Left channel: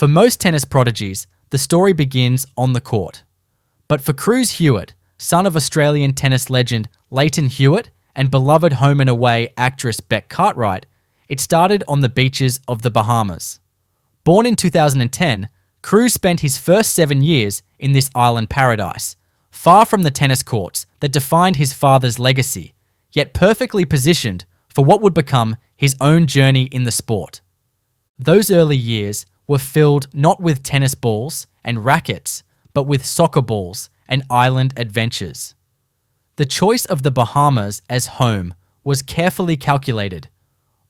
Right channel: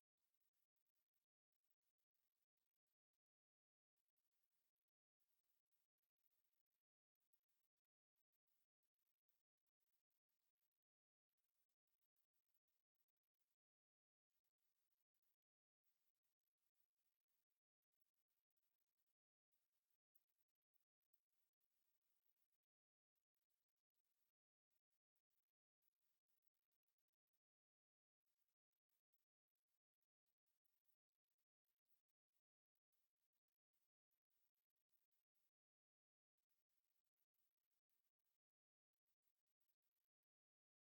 For most tennis prodigies, the story begins on the court. But for Cruz Hewitt, son of Australian tennis legend Lleyton Hewitt and beloved home and away actress Beck Cartwright, it started on the beaches of the Bahamas. Born in 2010, Cruz spent his first 7 years in this island paradise, far from the tennis courts that defined his father's legacy, yet perfectly positioned for what would become his own journey in the sport. Those early years were filled not with tennis balls and rackets, but with soccer balls and island adventures. The choice of the Bahamas as home was carefully calculated,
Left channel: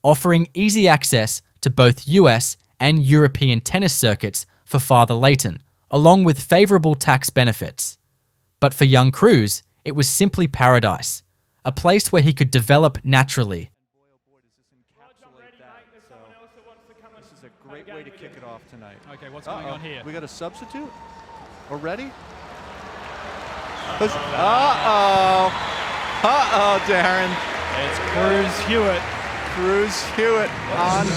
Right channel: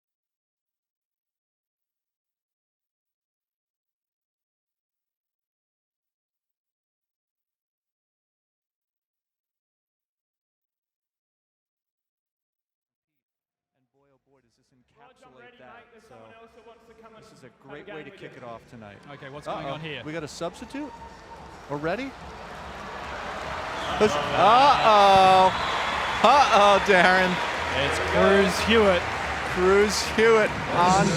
offering easy access to both US and European tennis circuits for Father Lleyton, along with favourable tax benefits. But for young Cruz, it was simply paradise, a place where he could develop naturally. This is a great way to kick it off tonight. Okay, what's going on here? We got a substitute already? Uh-oh. Uh-oh, Darren. It's Cruz Hewitt. Cruz Hewitt on.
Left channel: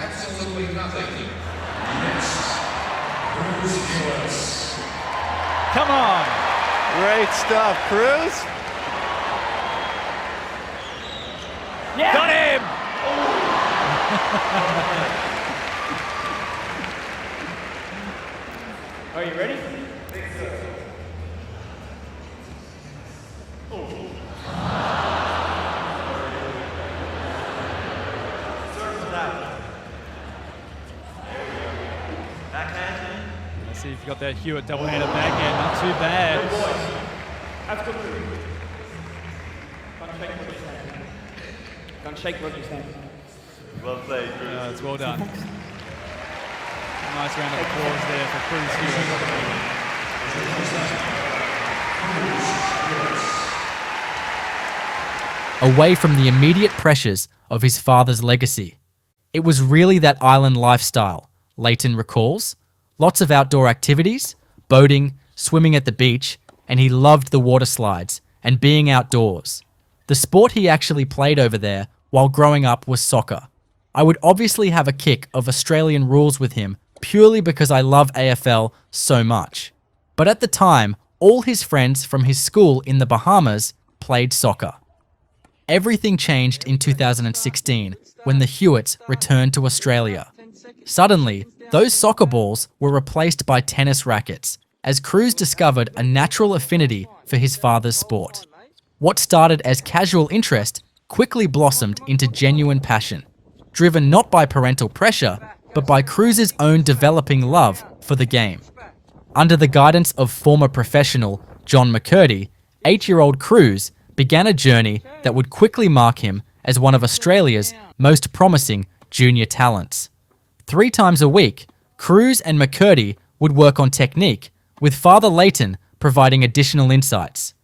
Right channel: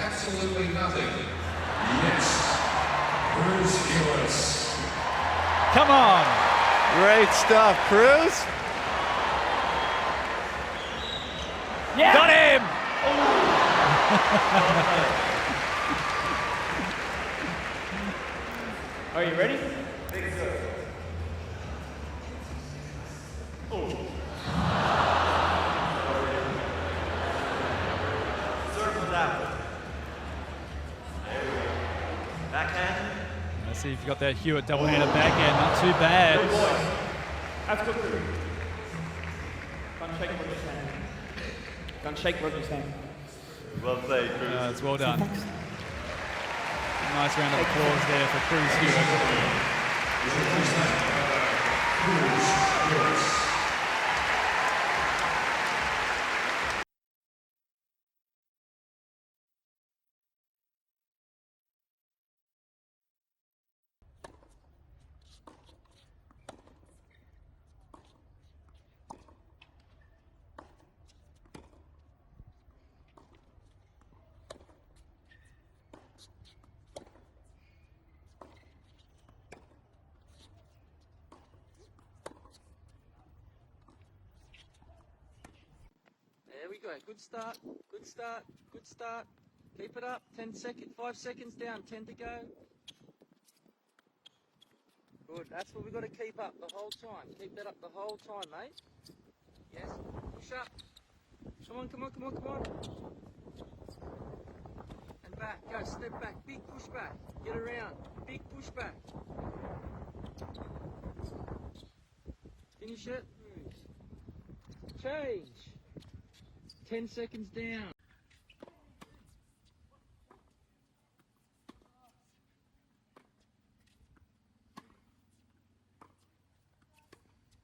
Absolutely nothing. Next, Cruz Hewitt. Come on. Great stuff, Cruz. Yeah. Got him. Are you ready? Backhand. Let's see if you got that Hewitt double-handed backhand. Not too bad. Good boy. That's good. Can't shake Roger's hand. Can't shake Roger's hand. Well played, Cruz. It's well done. Nice round of applause there for Cruz Hewitt. Away from the immediate pressures of his father's legacy. It was really that island lifestyle, Lleyton recalls. Lots of outdoor activities, boating, swimming at the beach, and he loved the water slides and being outdoors. The sport he actually played over there while growing up was soccer. I would obviously have a kick of Australian rules with him purely because I love AFL so much. But at the time, all his friends from his school in the Bahamas played soccer. Everything changed in 2016 when the Hewitts returned to Australia. Suddenly, those soccer balls were replaced by tennis rackets, as Cruz discovered a natural affinity for his father's sport. What started as casual interest quickly blossomed into genuine passion, driven not by parental pressure, but by Cruz's own developing love for the game. Under the guidance of former professional John McCurdy, 8-year-old Cruz began a journey that would quickly mark him as one of Australia's most promising junior talents. 3 times a week, Cruz and McCurdy would work on technique, with Father Lleyton providing additional insights.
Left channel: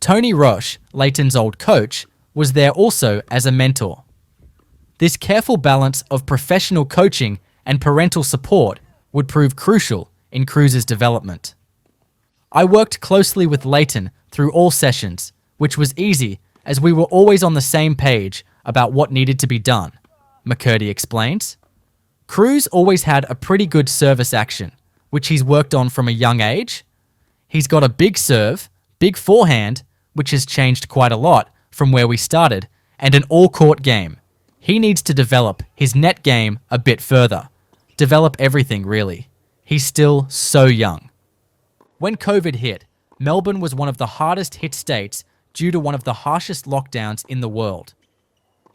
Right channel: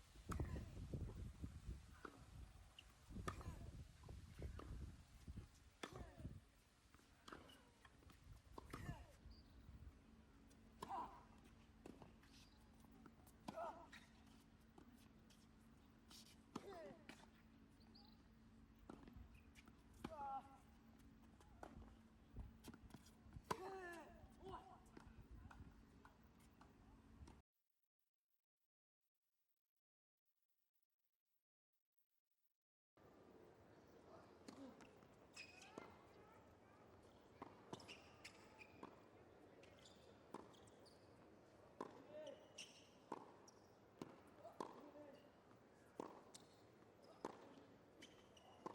Tony Roche, Lleyton's old coach, was there also as a mentor. This careful balance of professional coaching and parental support would prove crucial in Cruz's development. I worked closely with Lleyton through all sessions, which was easy as we were always on the same page about what needed to be done, McCurdy explains. Cruz always had a pretty good service action, which he's worked on from a young age. He's got a big serve, big forehand, which has changed quite a lot from where we started, and an all-court game. He needs to develop his net game a bit further. Develop everything, really. He's still so young. When COVID hit, Melbourne was one of the hardest hit states due to one of the harshest lockdowns in the world.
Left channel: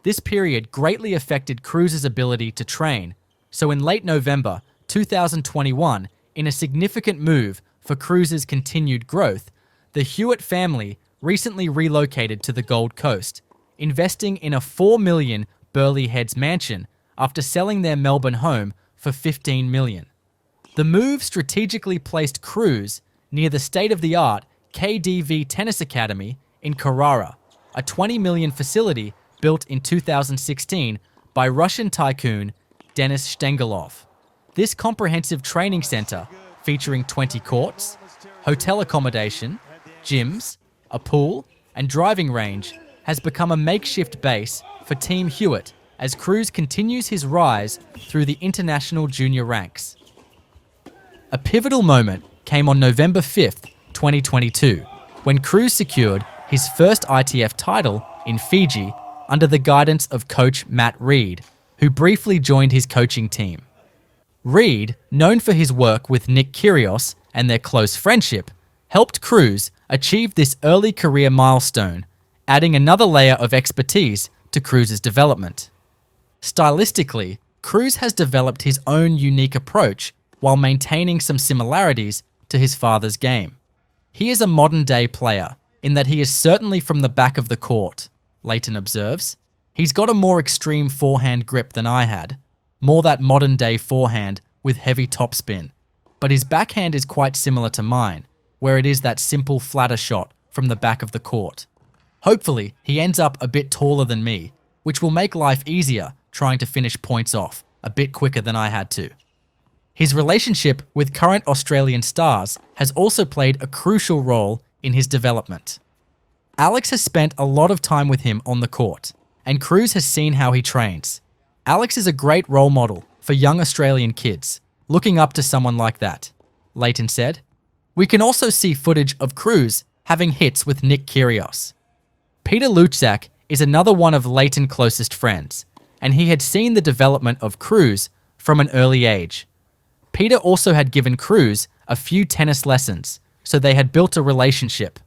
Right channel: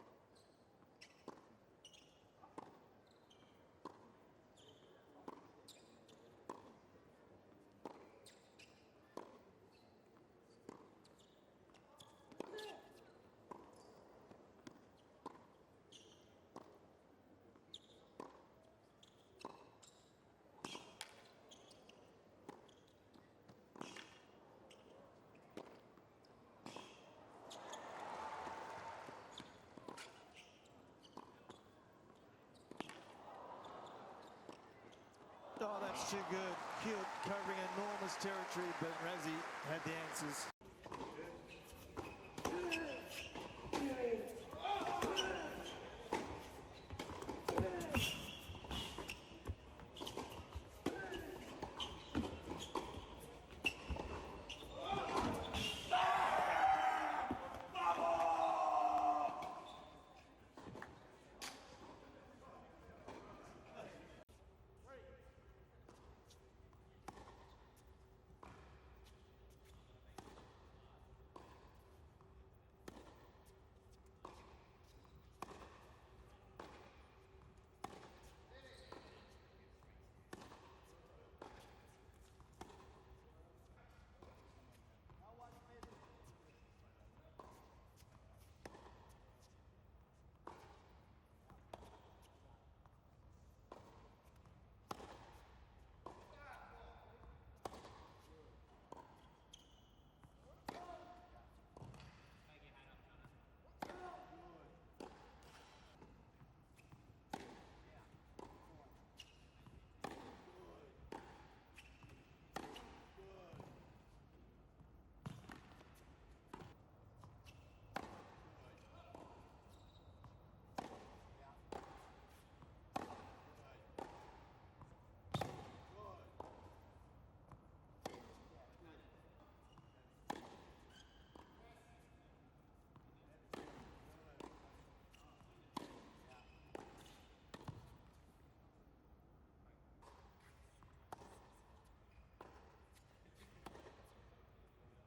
This period greatly affected Cruz's ability to train, so in late November 2021, in a significant move for Cruz's continued growth, the Hewitt family recently relocated to the Gold Coast, investing in a $4 million Burleigh Heads mansion after selling their Melbourne home for $15 million. The move strategically placed Cruz near the state-of-the-art KDV Tennis Academy in Carrara, a $20 million facility built in 2016 by Russian tycoon Denis Stengelov. This comprehensive training center, featuring 20 courts, hotel accommodation, gyms, a pool, and driving range, has become a makeshift base for Team Hewitt as Cruz continues his rise through the international junior ranks. A pivotal moment came on November 5th, 2022, when Cruz secured his first ITF title in Fiji under the guidance of coach Matt Reed, who briefly joined his coaching team. Reed, known for his work with Nick Kyrgios and their close friendship, helped Cruz achieve this early career milestone, adding another layer of expertise to Cruz's development. Stylistically, Cruz has developed his own unique approach while maintaining some similarities to his father's game. He is a modern-day player in that he is certainly from the back of the court, Leighton observes. He's got a more extreme forehand grip than I had, more that modern-day forehand with heavy topspin, but his backhand is quite similar to mine, where it is that simple flatter shot from the back of the court. Hopefully, he ends up a bit taller than me, which will make life easier trying to finish points off a bit quicker than I had to. His relationship with current Australian stars has also played a crucial role in his development. Alex has spent a lot of time with him on the court, and Cruz has seen how he trains. Alex is a great role model for young Australian kids, looking up to someone like that, Leighton said. We can also see footage of Cruz having hits with Nick Kyrgios. Peter Luczak is another one of Leighton's closest friends, and he had seen the development of Cruz from an early age. Peter also had given Cruz a few tennis lessons, so they had built a relationship.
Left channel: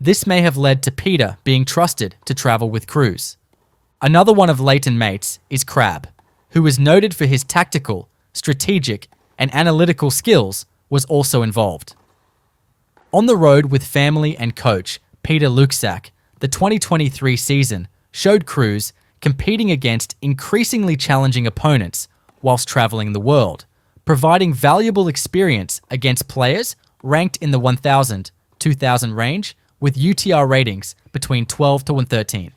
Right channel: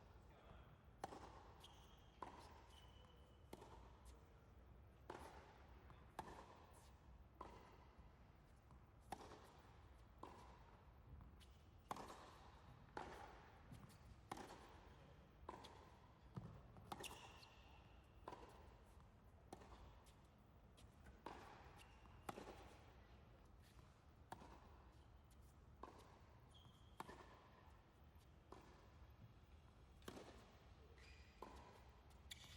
This may have led to Peter being trusted to travel with Cruz. Another one of Leighton's mates is Crab, who is noted for his tactical, strategic, and analytical skills, was also involved. On the road with family and coach Peter Luczak, the 2023 season showed Cruz competing against increasingly challenging opponents whilst traveling the world, providing valuable experience against players ranked in the 1,000, 2,000 range with UTR ratings between 12 to 113.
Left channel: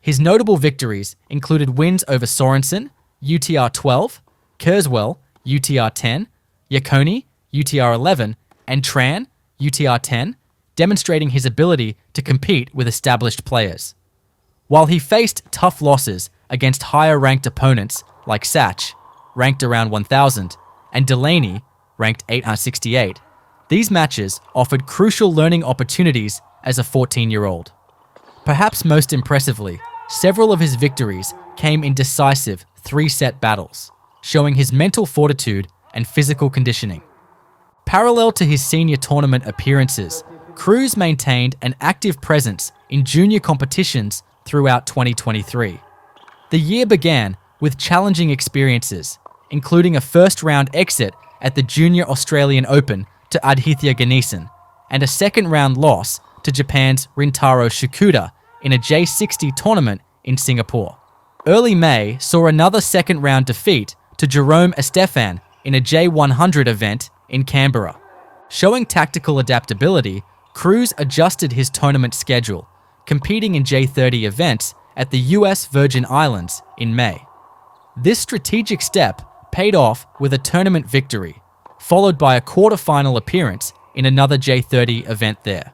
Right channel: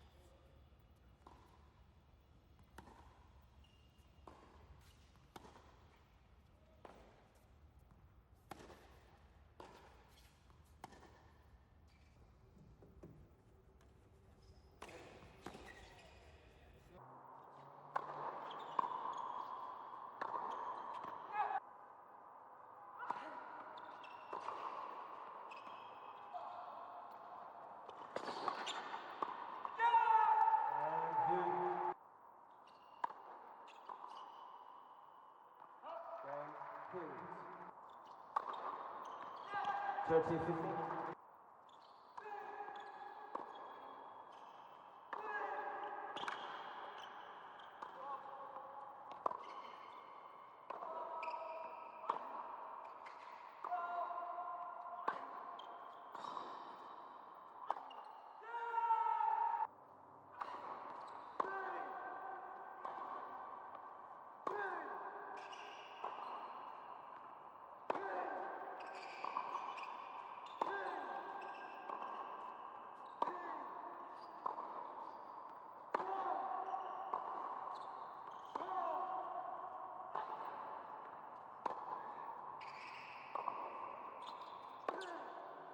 His notable victories included wins over Sorensen, UTR 12, Kurzweil, UTR 10, Iaconi, UTR 11, and Tran, UTR 10, demonstrating his ability to compete with established players. While he faced tough losses against higher-ranked opponents like Sach, ranked around 1,000, and Delaney, ranked 868, these matches offered crucial learning opportunities as a 14-year-old. Perhaps most impressively, several of his victories came in decisive 3-set battles, showing his mental fortitude and physical conditioning. Parallel to his senior tournament appearances, Cruz maintained an active presence in junior competitions throughout 2023. The year began with challenging experiences, including a first-round exit at the Junior Australian Open to Aditya Ganesan, and a second-round loss to Japan's Rintaro Shikuda in a J60 tournament in Singapore. Early May saw another second-round defeat to Jerome Estefan in a J100 event in Canberra. Showing tactical adaptability, Cruz adjusted his tournament schedule, competing in J30 events at the US Virgin Islands in May. This strategic step paid off with a tournament victory, followed by a quarter-final appearance in another J30 event there.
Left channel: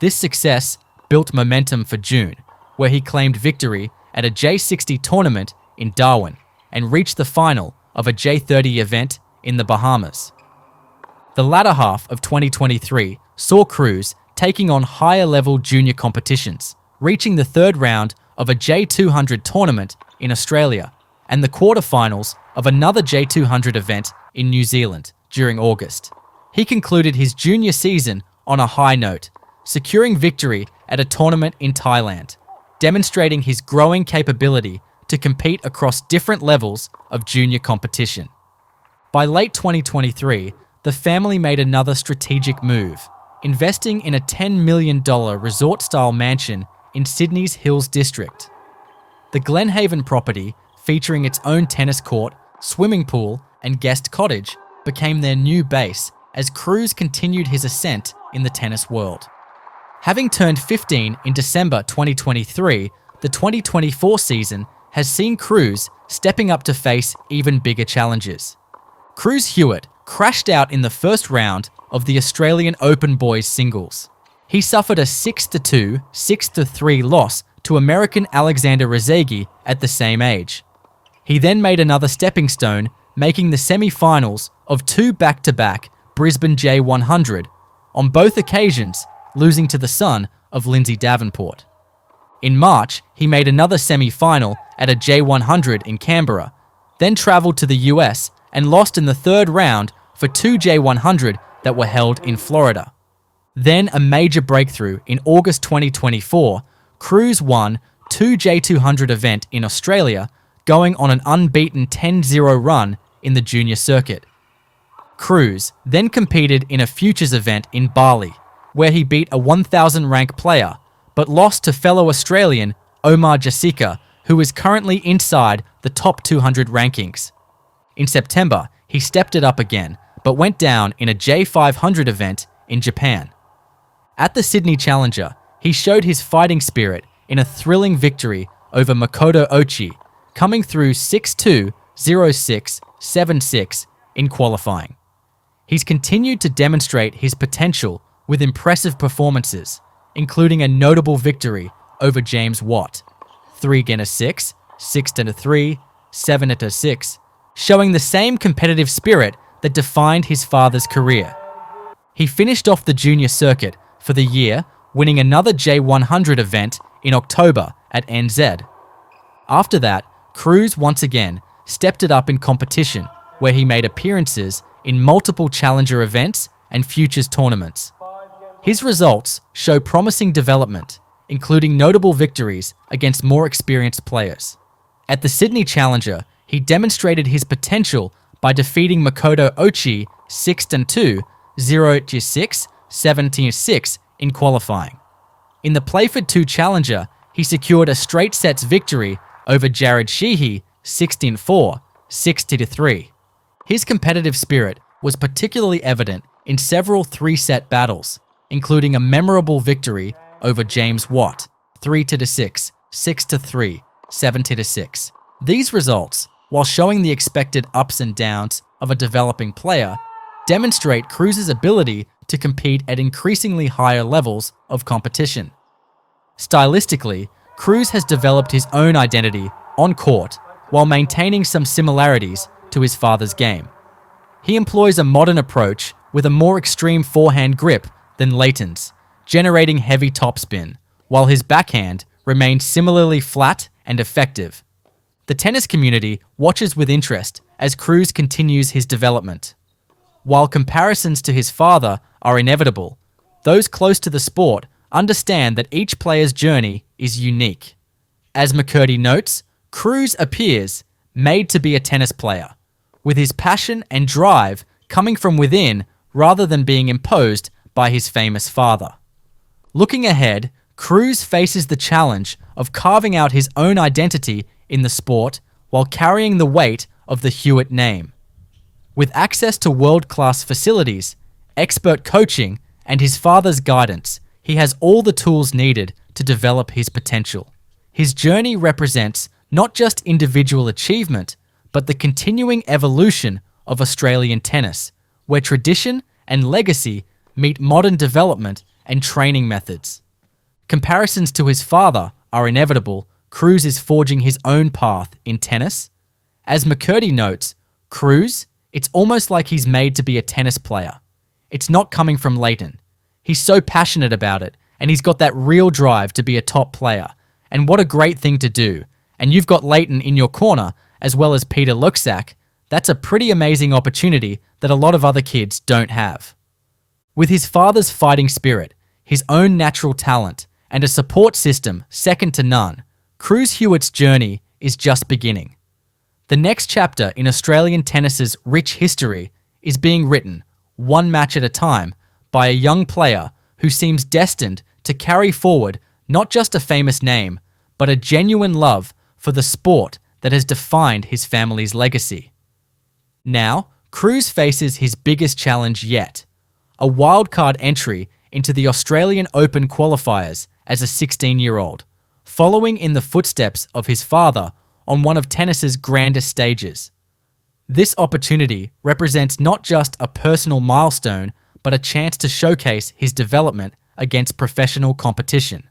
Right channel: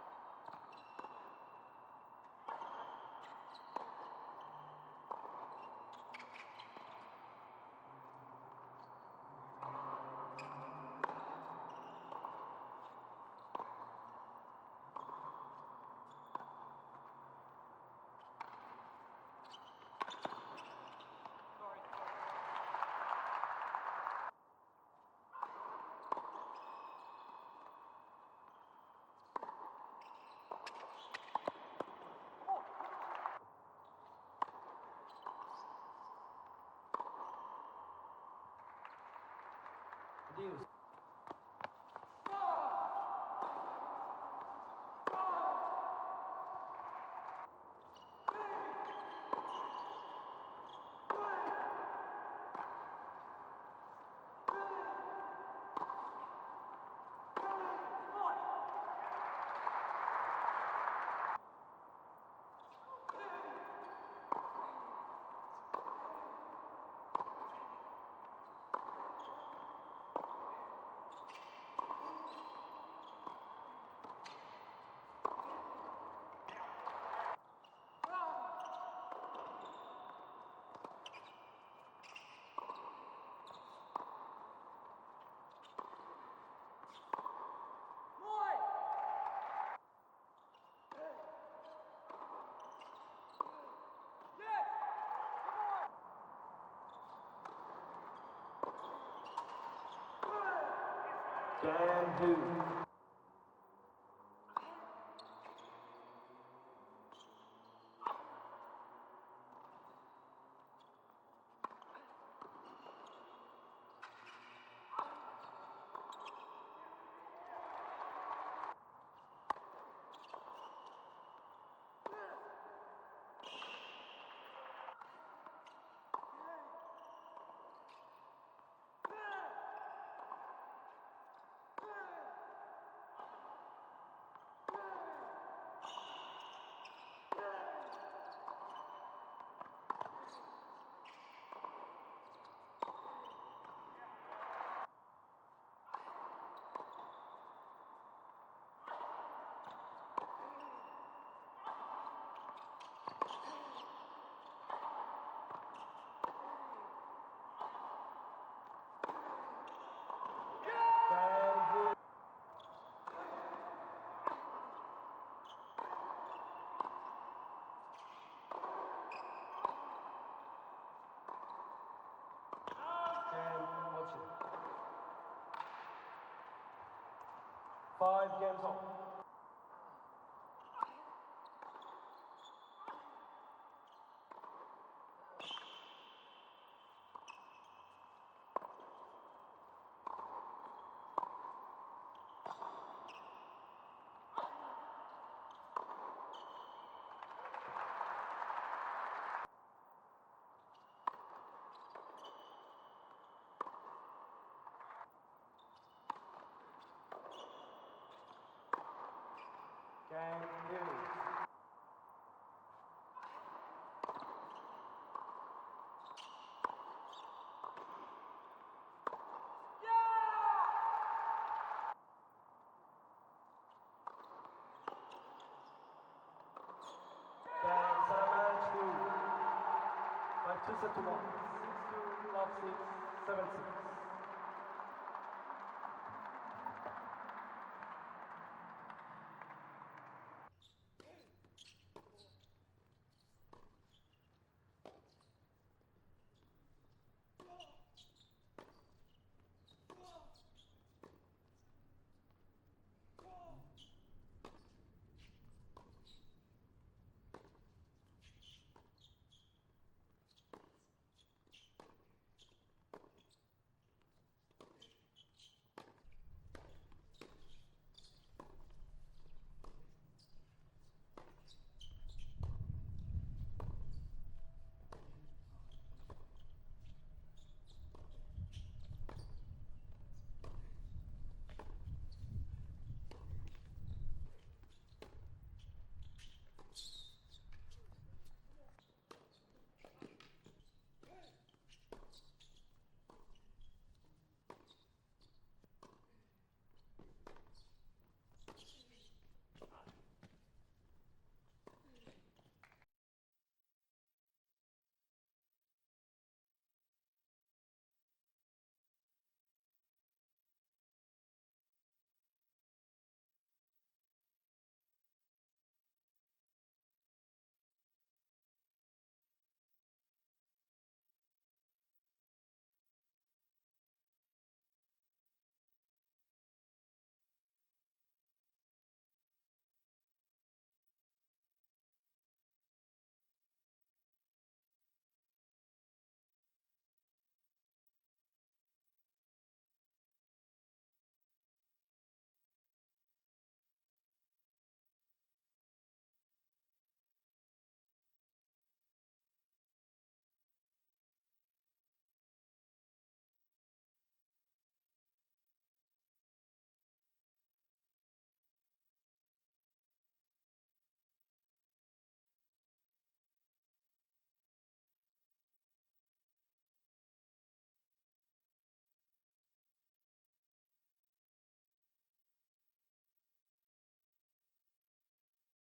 This success built momentum for June, where he claimed victory at a J60 tournament in Darwin and reached the final of a J30 event in the Bahamas. The latter half of 2023 saw Cruz taking on higher-level junior competitions, reaching the third round of a J200 tournament in Australia and the quarterfinals of another J200 event in New Zealand during August. He concluded his junior season on a high note, securing victory at a tournament in Thailand, demonstrating his growing capability to compete across different levels of junior competition. By late 2023, the family made another strategic move, investing in a $10 million resort-style mansion in Sydney's Hills District. The Glenhaven property, featuring its own tennis court, swimming pool, and guest cottage, became their new base as Cruz continued his ascent in the tennis world. Having turned 15 in December 2023, the 2024 season has seen Cruz stepping up to face even bigger challenges. Cruz Hewitt crashed out in the first round of the Australian Open boys singles. He suffered a 6-2, 6-3 loss to American Alexander Rezegi at the same age, He then made another stepping stone, making the semi-finals of 2 back-to-back Brisbane J100, on both occasions losing to the son of Lindsay Davenport. In March, he made another semi-final at a J100 in Canberra, then travelled to the US and lost in the third round for 2 J100 that were held in Florida. Then a major breakthrough in August 2024, Cruz won 2 J200 event in Australia, going on an unbeaten 10-0 run in the junior circuit. Cruz then competed in a futures event in Bali, where he beat a 1,000 rank player, but lost to fellow Australian Omar Jessica, who is currently inside the top 200 rankings. In September, he stepped it up again, but went down in a J500 event in Japan. At the Sydney Challenger, he showed his fighting spirit in a thrilling victory over Makoto Ochi, coming through 6-2, 0-6, 7-6 in qualifying. He's continued to demonstrate his potential with impressive performances, including a notable victory over James Watt, 3-6, 6-3, 7-6, showing the same competitive spirit that defined his father's career. He finished off the junior circuit for the year, winning another J100 event in October at NZ. After that, Cruz once again stepped it up in competition, where he made appearances in multiple challenger events and futures tournaments. His results show promising development, including notable victories against more experienced players. At the Sydney Challenger, he demonstrated his potential by defeating Makoto Ochi 6-2, 0-6, 7-6 in qualifying. In the Playford 2 Challenger, he secured a straight sets victory over Jared Sheehy 16-4, 6-3. His competitive spirit was particularly evident in several 3-set battles, including a memorable victory over James Watt 3-6, 6-3, 7-6. These results, while showing the expected ups and downs of a developing player, demonstrate Cruz's ability to compete at increasingly higher levels of competition. Stylistically, Cruz has developed his own identity on court while maintaining some similarities to his father's game. He employs a modern approach with a more extreme forehand grip than Leighton's, generating heavy topspin, while his backhand remains similarly flat and effective. The tennis community watches with interest as Cruz continues his development. While comparisons to his father are inevitable, those close to the sport understand that each player's journey is unique. As McCurdy notes, Cruz appears made to be a tennis player, with his passion and drive coming from within rather than being imposed by his famous father. Looking ahead, Cruz faces the challenge of carving out his own identity in the sport while carrying the weight of the Hewitt name. With access to world-class facilities, expert coaching, and his father's guidance, he has all the tools needed to develop his potential. His journey represents not just individual achievement, but the continuing evolution of Australian tennis, where tradition and legacy meet modern development and training methods. Comparisons to his father are inevitable. Cruz is forging his own path in tennis. As McCurdy notes, Cruz, it's almost like he's made to be a tennis player. It's not coming from Leighton. He's so passionate about it, and he's got that real drive to be a top player. And what a great thing to do. And you've got Leighton in your corner, as well as Peter Luxak. That's a pretty amazing opportunity that a lot of other kids don't have. With his father's fighting spirit, his own natural talent, and a support system second to none, Cruz Hewitt's journey is just beginning. The next chapter in Australian tennis's rich history is being written, one match at a time, by a young player who seems destined to carry forward not just a famous name, but a genuine love for the sport that has defined his family's legacy. Now, Cruz faces his biggest challenge yet, a wildcard entry into the Australian Open qualifiers as a 16-year-old, following in the footsteps of his father on one of tennis's grandest stages. This opportunity represents not just a personal milestone, but a chance to showcase his development against professional competition.